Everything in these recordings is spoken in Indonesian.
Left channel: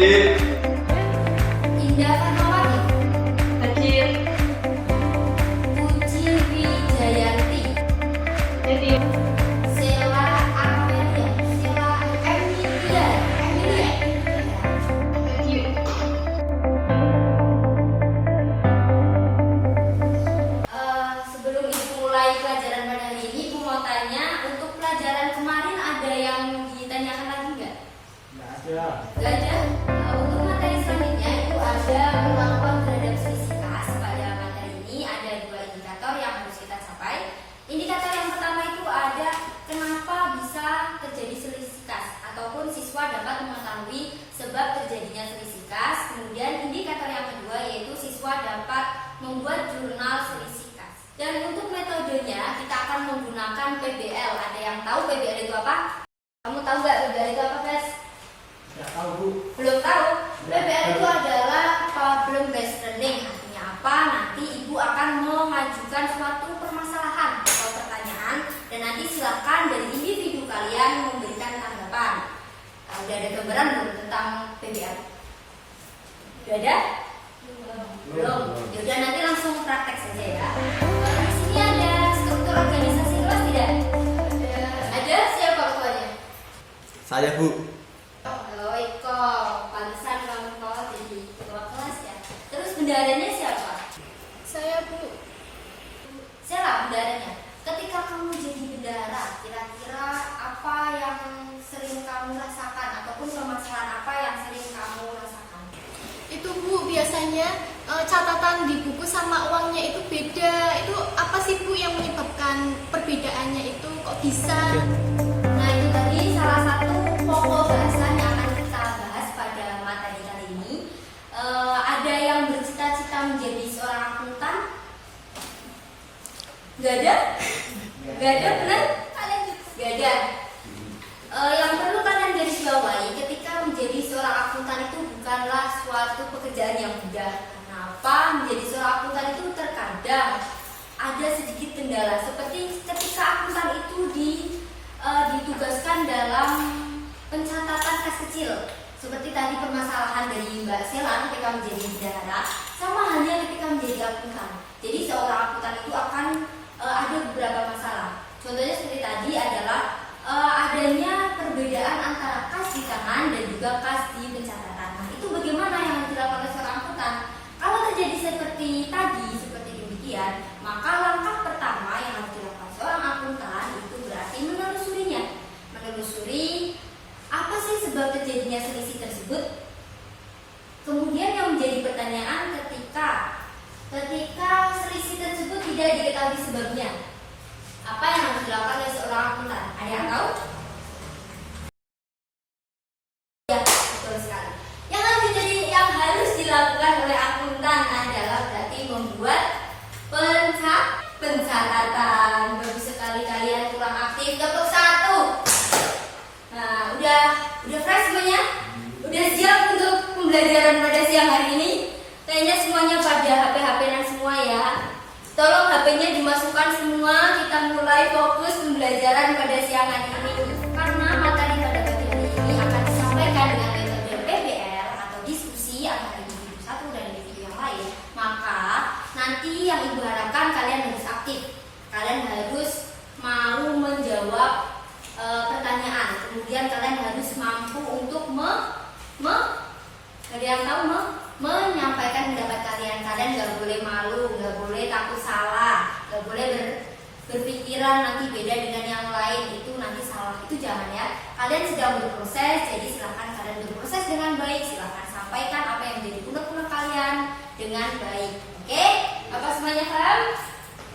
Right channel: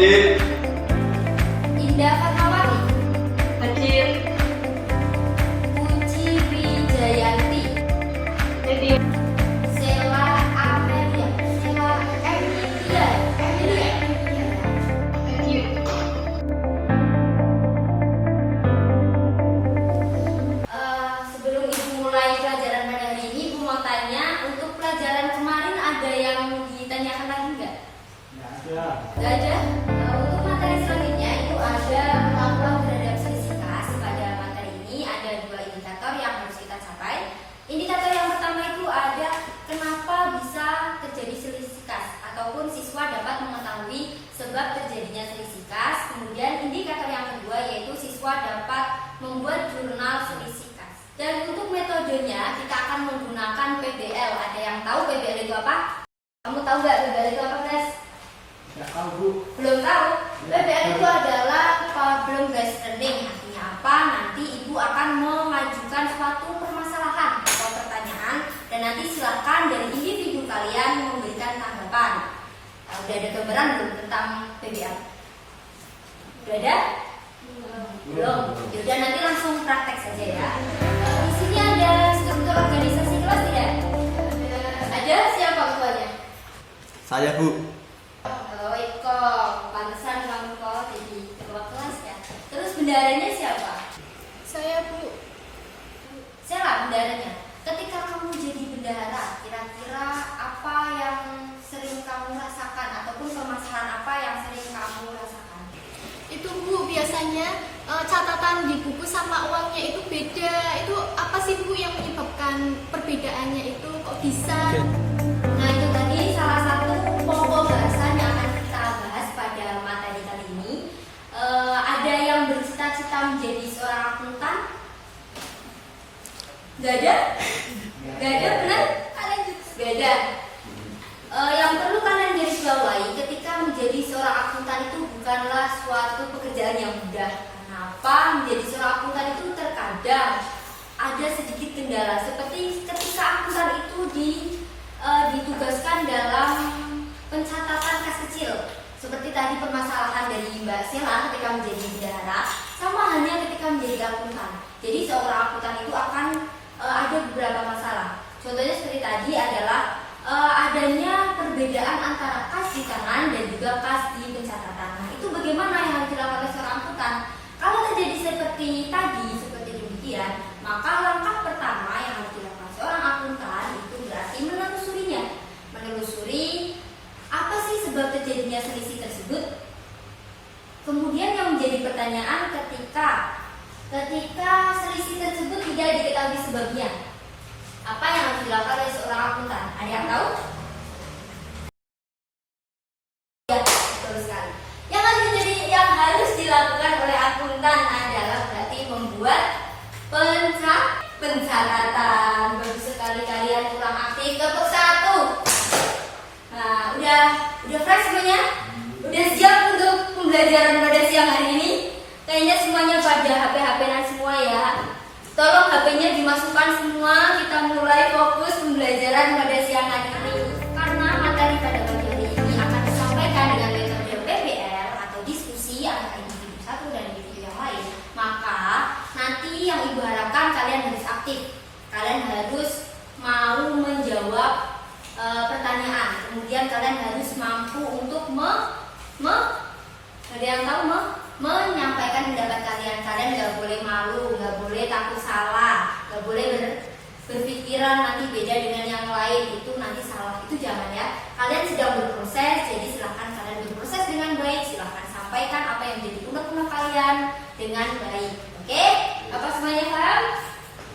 Hadir. Indah Fatmawati. Hadir. Puji Wijayanti. Hadir. Sela Amelia. Sela Emilia. Hadir. Sebelum Ibu mulai pelajaran pada hari ini, Ibu mau tanya, untuk pelajaran kemarin ada yang ditanyakan lagi nggak? Nggak ada. Untuk materi selanjutnya itu ada perlakuan terhadap selisih kas. Pada materi ini ada dua indikator yang harus kita capai. Indikator yang pertama itu ada kenapa bisa terjadi selisih kas, ataupun siswa dapat mengetahui sebab terjadinya selisih kas. Kemudian indikator yang kedua yaitu siswa dapat membuat jurnal selisih kas. Dan untuk metodenya kita akan menggunakan PBL. Ada yang tahu PBL itu apa? Kamu tahu nggak PBL itu apa, guys? Tidak tahu, Bu. Belum tahu? PBL itu adalah problem based learning. Artinya apa? Nanti Ibu akan mengajukan suatu permasalahan atau pertanyaan, dan nanti silakan dari individu kalian memberikan tanggapan. Udah ada gambaran belum tentang PBL? Udah ada? Belum. Yaudah, nanti langsung praktek saja ya. Di sini ada struktur organisasi kelas tidak? Ada. Siapa ketuanya? Saya, Bu. Oh, Iko, pantesan kamu kok jadi ketua kelas ya. Terus bendaharanya siapa? Saya, Bu. Siapa bendaharanya? Ketika kamu jadi bendahara, kira-kira apa yang sering kamu rasakan, ataupun permasalahan apa yang sering kamu rasakan? Itu, Bu, biasanya catatan di buku sama uangnya itu beda. Itu apa sih, Bu, yang menyebabkan perbedaannya itu kok bisa? Nah, itu tadi salah satu pokok bahasan yang akan kita bahas pada materi kali ini. Ada yang bercita-cita menjadi seorang akuntan? Gak ada? Gak ada, benar? Gak ada. Yang perlu kalian garis bawahi, ketika menjadi seorang akuntan itu bukanlah suatu pekerjaan yang mudah. Kenapa? Menjadi seorang akuntan itu terkadang ada sedikit kendala, seperti ketika akuntan itu ditugaskan dalam pencatatan kas kecil. Seperti tadi permasalahan dari Mbak Sela ketika menjadi bendahara, sama halnya ketika menjadi akuntan. Jadi seorang akuntan itu akan ada beberapa masalah. Contohnya seperti tadi adalah adanya perbedaan antara kas di tangan dan juga kas di pencatatan. Nah, itu bagaimana yang harus dilakukan oleh seorang akuntan? Kalau terjadi seperti tadi, seperti demikian, maka langkah pertama yang harus dilakukan seorang akuntan itu berarti menelusurinya. Menelusuri apa sih sebab terjadinya selisih tersebut. Kemudian yang menjadi pertanyaan, ketika selisih tersebut tidak diketahui sebabnya, apa yang harus dilakukan oleh seorang akuntan? Ada yang tahu? Ya, betul sekali. Yang harus dilakukan oleh akuntan adalah berarti membuat catatan. Bagus sekali kalian kurang aktif. Tepuk satu. Nah, udah fresh semuanya? Udah siap untuk pembelajaran pada siang hari ini? Kayaknya semuanya pada HP-HP-an semua ya. Tolong HP-nya dimasukkan semua. Kita mulai fokus pembelajaran pada siang hari ini. Karena materi pada pagi hari ini akan disampaikan dengan metode PBL atau diskusi antara individu satu dan individu yang lain. Maka nanti yang Ibu harapkan kalian harus aktif. Kalian harus mau menjawab pertanyaan. Kemudian kalian harus mampu untuk menyampaikan pendapat kalian. Kalian nggak boleh malu, nggak boleh takut salah, nggak boleh berpikiran nanti beda dengan yang lain, itu nanti salah, itu jangan ya. Kalian sedang berproses, jadi silahkan kalian berproses dengan baik. Silahkan sampaikan apa yang menjadi unek-unek kalian dengan baik. Oke? Apa semuanya paham?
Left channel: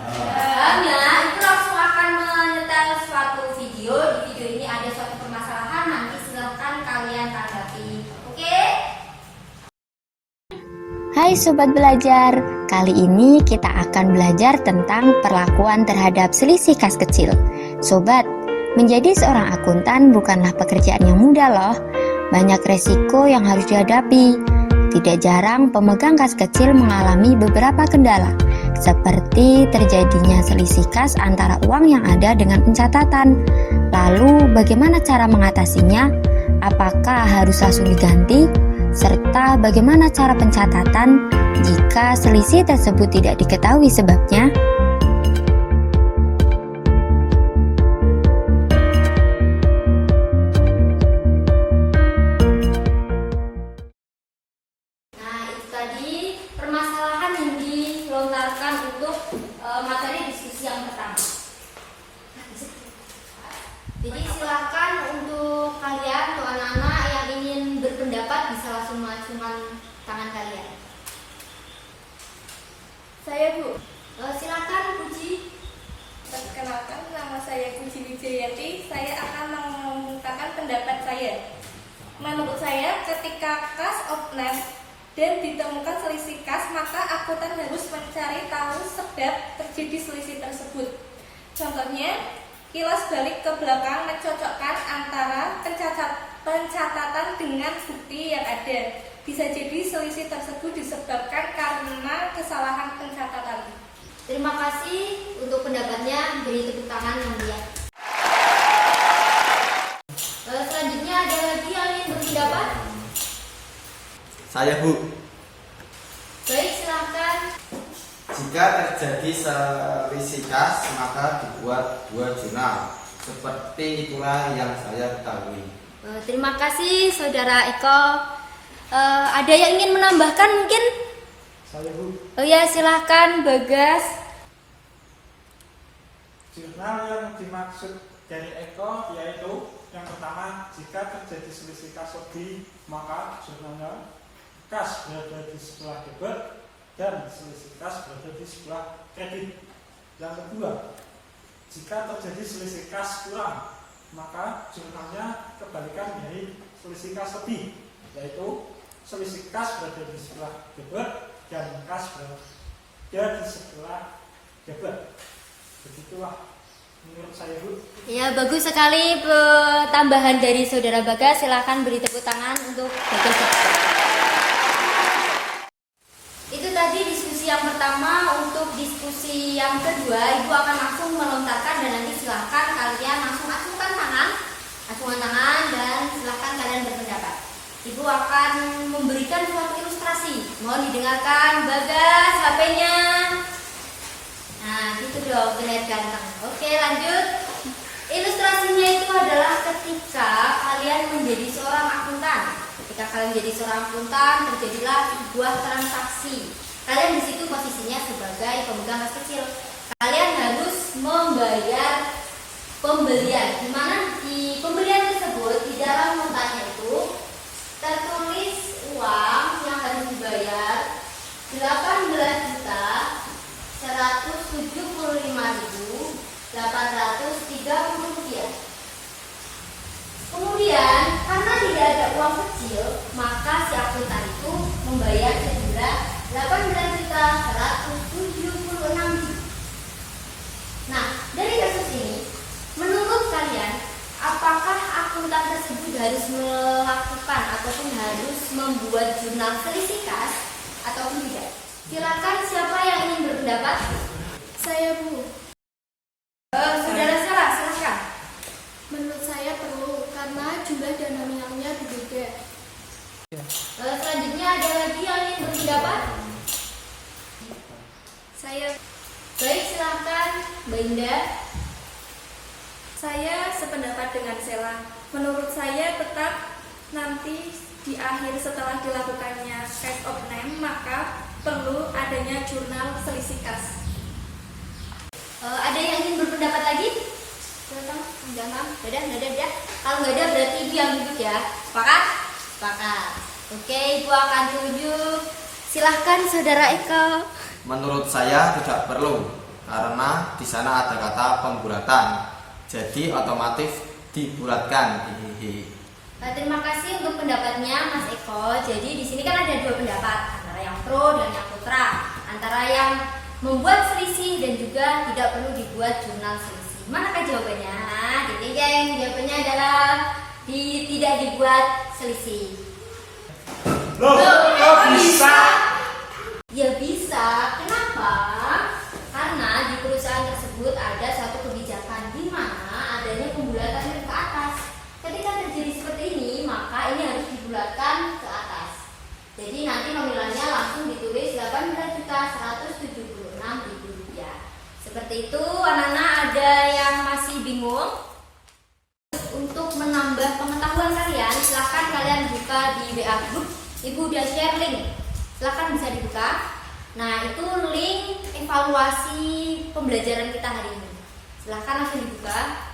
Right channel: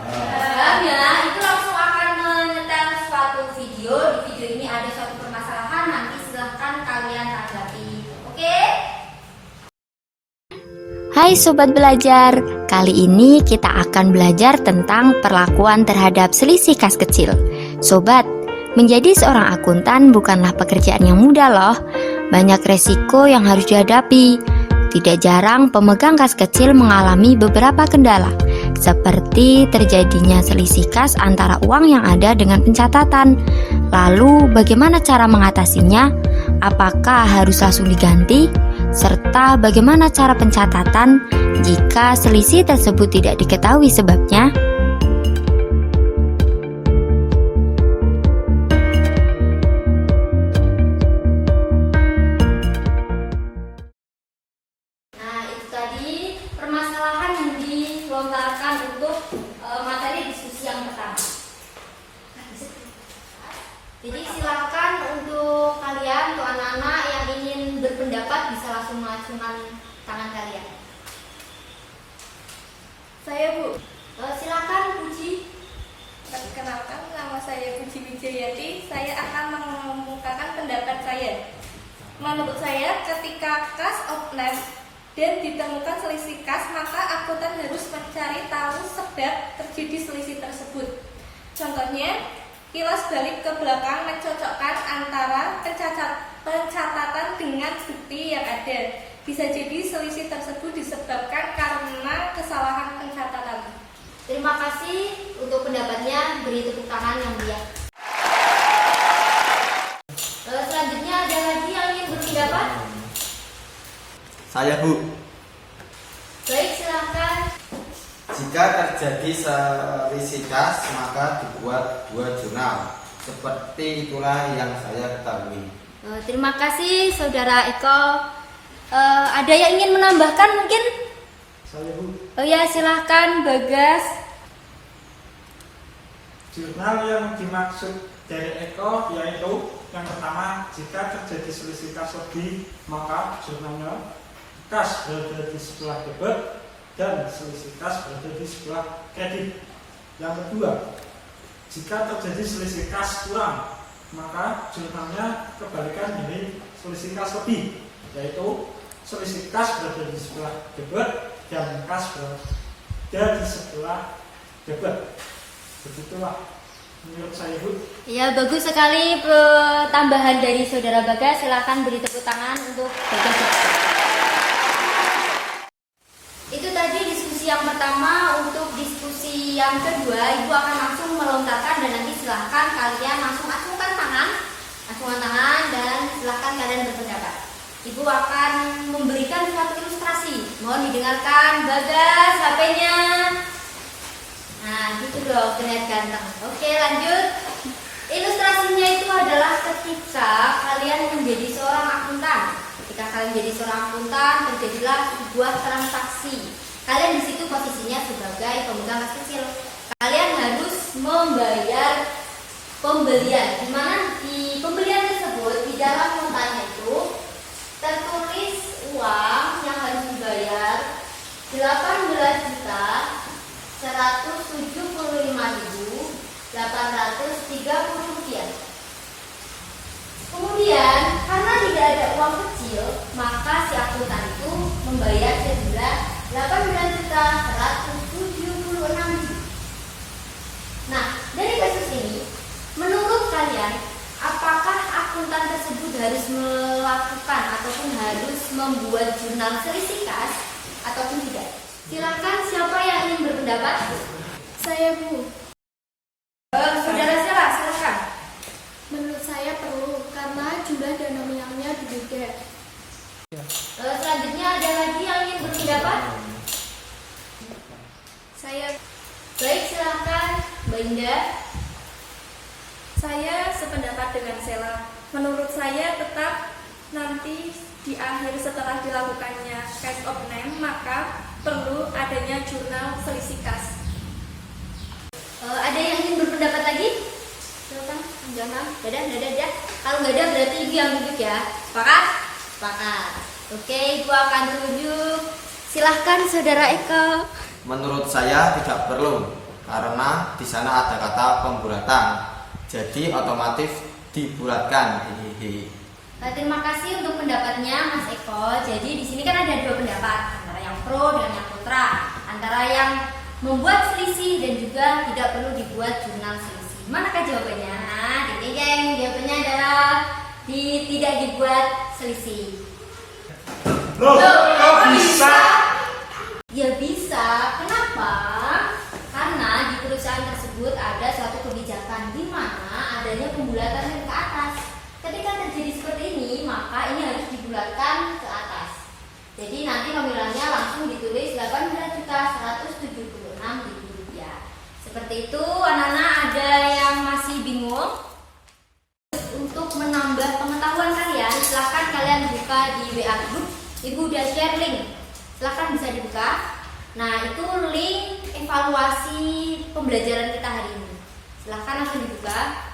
Paham ya? Itu langsung akan menyetel suatu video. Di video ini ada suatu permasalahan, nanti silahkan kalian tanggapi. Oke? Hai Sobat Belajar, kali ini kita akan belajar tentang perlakuan terhadap selisih kas kecil. Sobat, menjadi seorang akuntan bukanlah pekerjaan yang mudah loh. Banyak resiko yang harus dihadapi. Tidak jarang pemegang kas kecil mengalami beberapa kendala, seperti terjadinya selisih kas antara uang yang ada dengan pencatatan. Lalu bagaimana cara mengatasinya? Apakah harus langsung diganti? Serta bagaimana cara pencatatan jika selisih tersebut tidak diketahui sebabnya? Nah, itu tadi permasalahan yang dilontarkan untuk materi diskusi yang pertama. Jadi silakan untuk kalian, untuk anak-anak yang ingin berpendapat bisa langsung mengacungkan tangan kalian. Saya Bu. Silakan Puji. Perkenalkan, nama saya Puji Wijayati. Saya akan mengungkapkan pendapat saya. Menurut saya, ketika kas offline dan ditemukan selisih kas, maka akuntan harus mencari tahu sebab terjadi selisih tersebut. Contohnya, kilas balik ke belakang mencocokkan antara pencatatan dengan bukti yang ada. Bisa jadi selisih tersebut disebabkan karena kesalahan pencatatan. Terima kasih untuk pendapatnya. Beri tepuk tangan yang meriah. Selanjutnya ada lagi yang ingin berpendapat? Saya Bu. Baik, silakan. Jika terjadi selisih kas, maka dibuat 2 jurnal. Seperti itulah yang saya ketahui. Terima kasih Saudara Eko. Ada yang ingin menambahkan mungkin? Saya Bu. Oh ya, silahkan Bagas. Jurnal yang dimaksud dari Eko yaitu yang pertama, jika terjadi selisih kas lebih, maka jurnalnya kas berada di sebelah debit dan selisih kas berada di sebelah kredit. Yang kedua, jika terjadi selisih kas kurang, maka jurnalnya kebalikan dari selisih kas lebih, yaitu selisih kas berada di sebelah debit dan kas berada di sebelah debit. Begitulah menurut saya Bu. Ya, bagus sekali tambahan dari Saudara Bagas. Silahkan beri tepuk tangan untuk Bagas. Itu tadi diskusi yang pertama. Untuk diskusi yang kedua, Ibu akan langsung melontarkan dan nanti silahkan kalian langsung acungkan tangan dan silahkan kalian berpendapat. Ibu akan memberikan suatu ilustrasi. Mohon didengarkan. Bagas, HP-nya. Nah, gitu dong, terlihat ganteng. Oke, lanjut. Ilustrasinya itu adalah ketika kalian menjadi seorang akuntan. Ketika kalian menjadi seorang akuntan, terjadilah sebuah transaksi. Kalian di situ posisinya sebagai pemegang kas kecil. Kalian harus membayar pembelian. Di mana di pembelian tersebut di dalam notanya itu tertulis uang yang harus dibayar 18.175.830 rupiah. Kemudian karena tidak ada uang kecil, maka si akuntan itu membayar sejumlah 18.176.000. berpendapat? Saya Bu, Saudara Sela, silakan. menurut saya perlu karena jumlah dan nominalnya berbeda. Selanjutnya ada lagi yang ingin berpendapat? Saya Baik, silakan Mbak Indah. Saya sependapat dengan Sela. Menurut saya tetap nanti di akhir setelah dilakukannya case of name maka perlu adanya jurnal selisih kas. Ada yang ingin berpendapat lagi? Silakan, jangan. Dadah. Kalau nggak ada berarti Ibu yang duduk ya. Sepakat? Sepakat. Oke, Ibu akan tunjuk. Silahkan Saudara Eko. Menurut saya tidak perlu karena di sana ada kata pemburatan. Jadi otomatis dibulatkan. Hihihi. Terima kasih untuk pendapatnya Mas Eko. Jadi di sini kan ada dua pendapat, antara yang pro dan yang kontra, antara yang membuat selisih dan juga tidak perlu dibuat jurnal selisih. Manakah jawabannya? Ding, jawabannya adalah tidak dibuat selisih. Loh, kok bisa? Ya bisa. Kenapa? Karena di perusahaan tersebut ada suatu kebijakan di mana adanya pembulatan ke atas. Ketika terjadi seperti ini, maka ini harus dibulatkan ke atas. Jadi nanti nominalnya langsung ditulis 18.176.000 rupiah. Seperti itu, anak-anak ada yang masih bingung? Untuk menambah pengetahuan kalian, silahkan kalian buka di WA group. Ibu udah share link, silahkan bisa dibuka. Nah, itu link evaluasi pembelajaran kita hari ini. Silahkan langsung dibuka.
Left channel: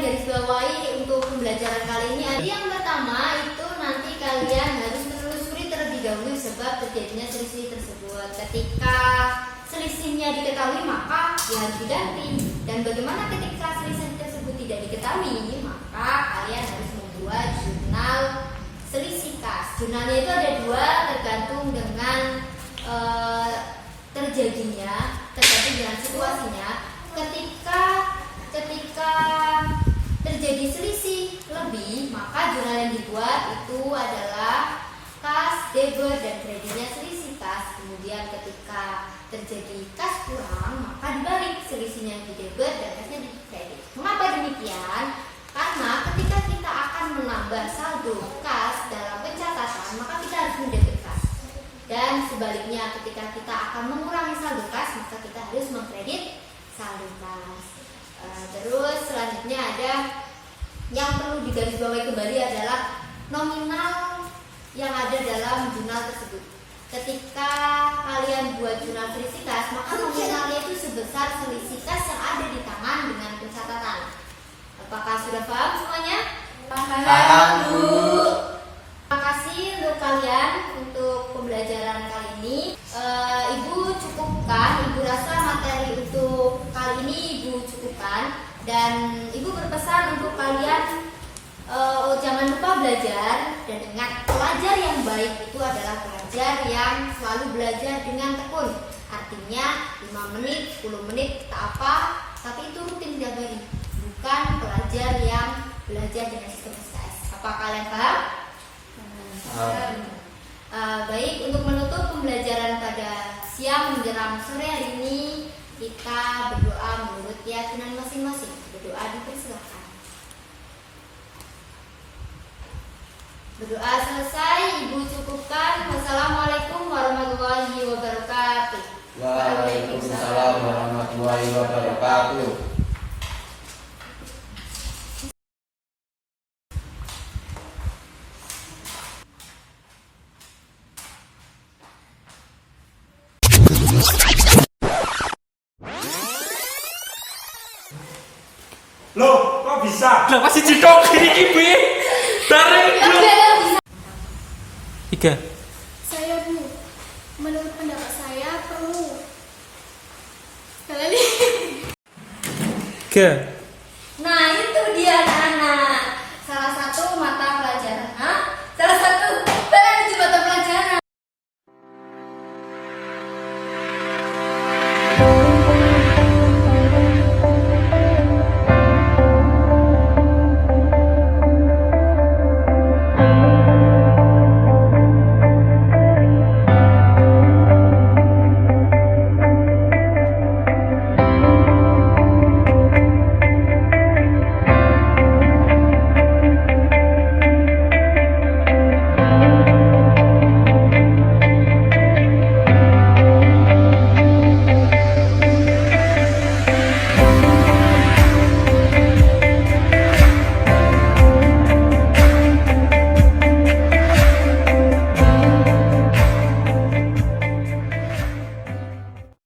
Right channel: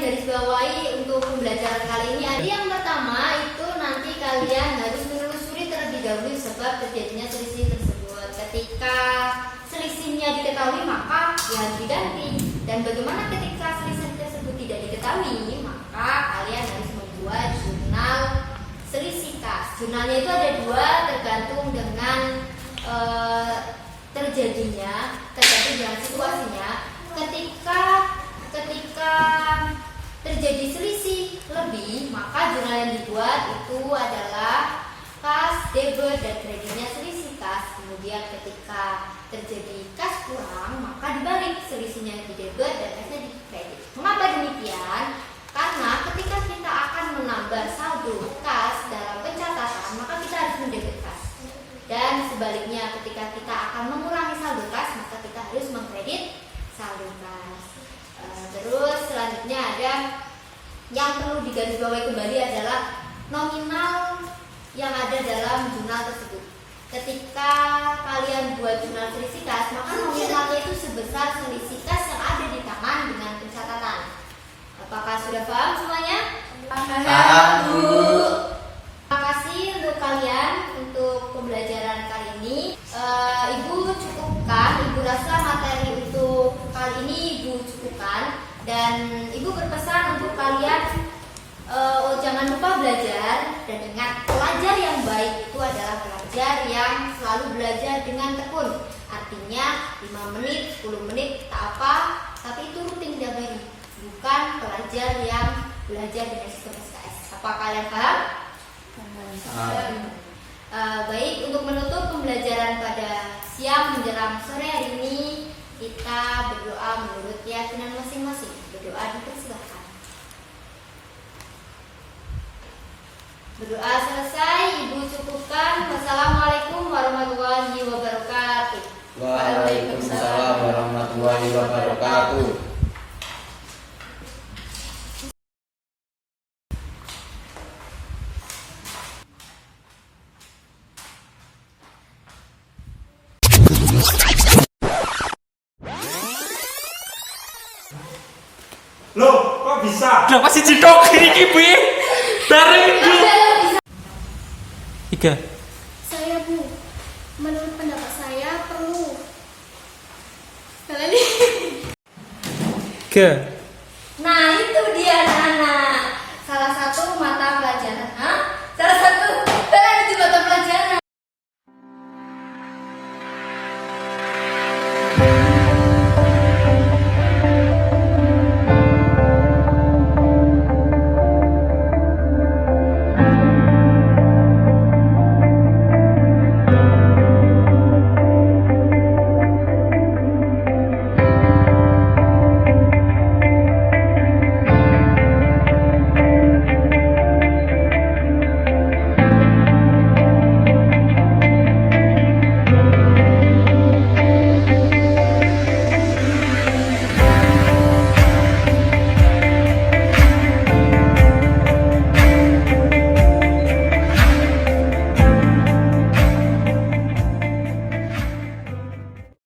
garis bawahi untuk pembelajaran kali ini ada yang pertama itu nanti kalian harus menelusuri terlebih dahulu sebab terjadinya selisih tersebut. Ketika selisihnya diketahui maka ya harus diganti, dan bagaimana ketika selisih tersebut tidak diketahui maka kalian harus membuat jurnal selisih kas. Jurnalnya itu ada dua tergantung dengan tergantung dengan situasinya. Ketika terjadi selisih lebih maka jurnal yang dibuat itu adalah kas, debit, dan kreditnya selisih kas. Kemudian ketika terjadi kas kurang maka dibalik, selisihnya di debit dan kasnya di kredit. Mengapa demikian? Karena ketika kita akan menambah saldo kas dalam pencatatan maka kita harus mendebit kas, dan sebaliknya ketika kita akan mengurangi saldo kas maka kita harus mengkredit saldo kas. Terus selanjutnya ada yang perlu digarisbawahi kembali adalah nominal yang ada dalam jurnal tersebut. Ketika kalian buat jurnal selisih kas maka nominalnya itu sebesar selisih kas yang ada di tangan dengan pencatatan. Apakah sudah paham semuanya? Paham, Bu. Terima kasih untuk kalian untuk pembelajaran kali ini. Ibu cukupkan, Ibu rasa materi untuk kali ini Ibu cukupkan, dan Ibu berpesan untuk kalian jangan lupa belajar, dan ingat pelajar yang baik itu adalah pelajar yang selalu belajar dengan tekun. Artinya 5 menit, 10 menit tak apa, tapi itu rutin tiap hari. Bukan pelajar yang belajar dengan sistem SKS. Apa kalian paham? Baik, untuk menutup pembelajaran pada siang menjelang sore hari ini, kita berdoa menurut keyakinan masing-masing. Berdoa dipersilakan. Berdoa selesai, Ibu cukupkan. Wassalamualaikum warahmatullahi wabarakatuh. Waalaikumsalam warahmatullahi wabarakatuh. Loh, kok bisa? Lah masih cikok kiri kibi. Bareng dulu. 3. Saya Bu, menurut pendapat saya perlu. Kalian nih. 3.